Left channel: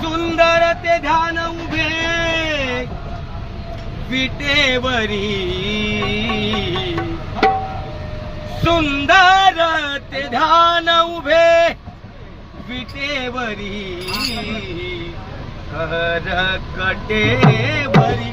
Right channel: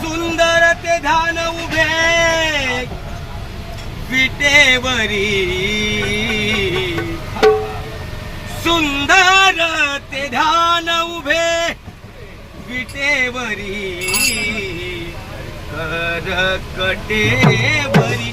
सुंदर ते धान उभे विटेवरी. सुंदर ते धान उभे विटेवरी. हरकटेवरी.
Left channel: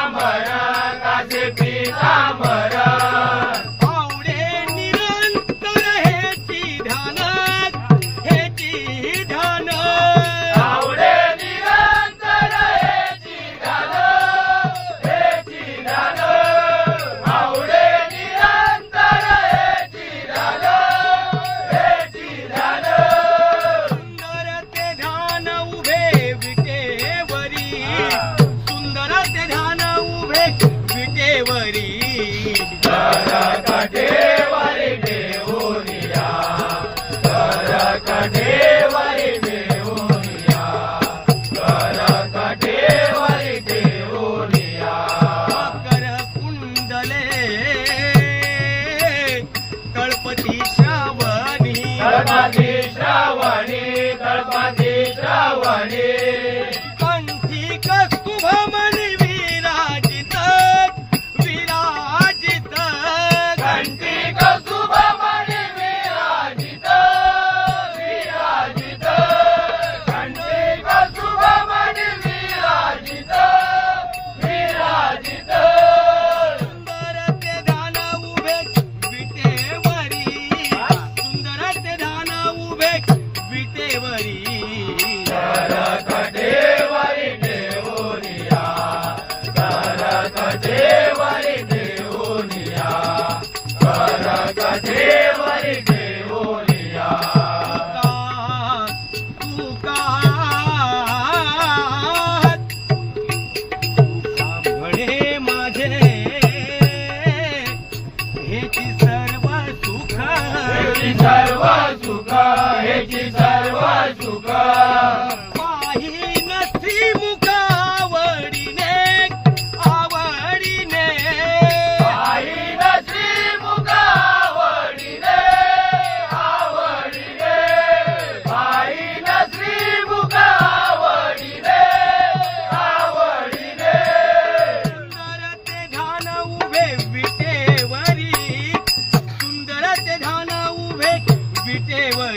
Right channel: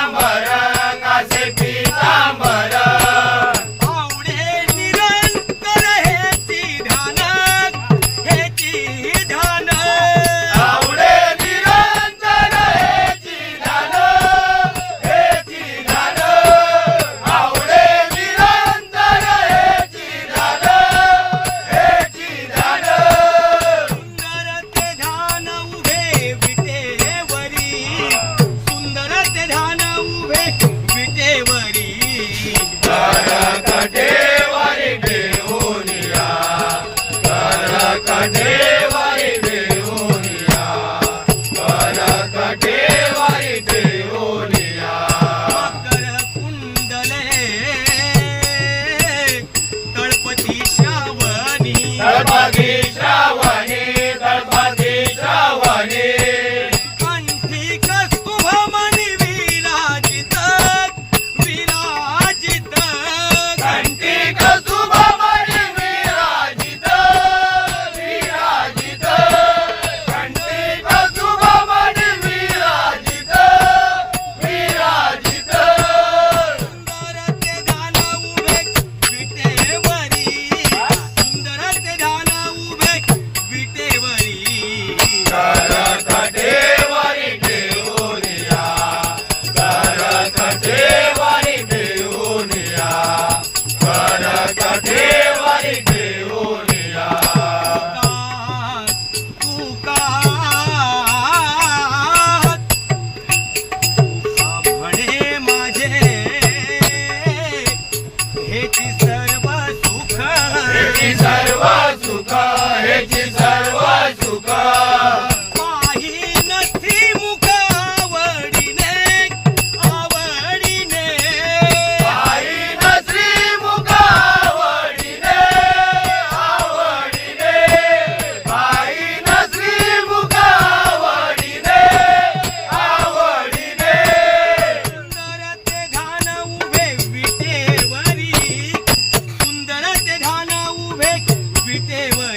விட்டேவை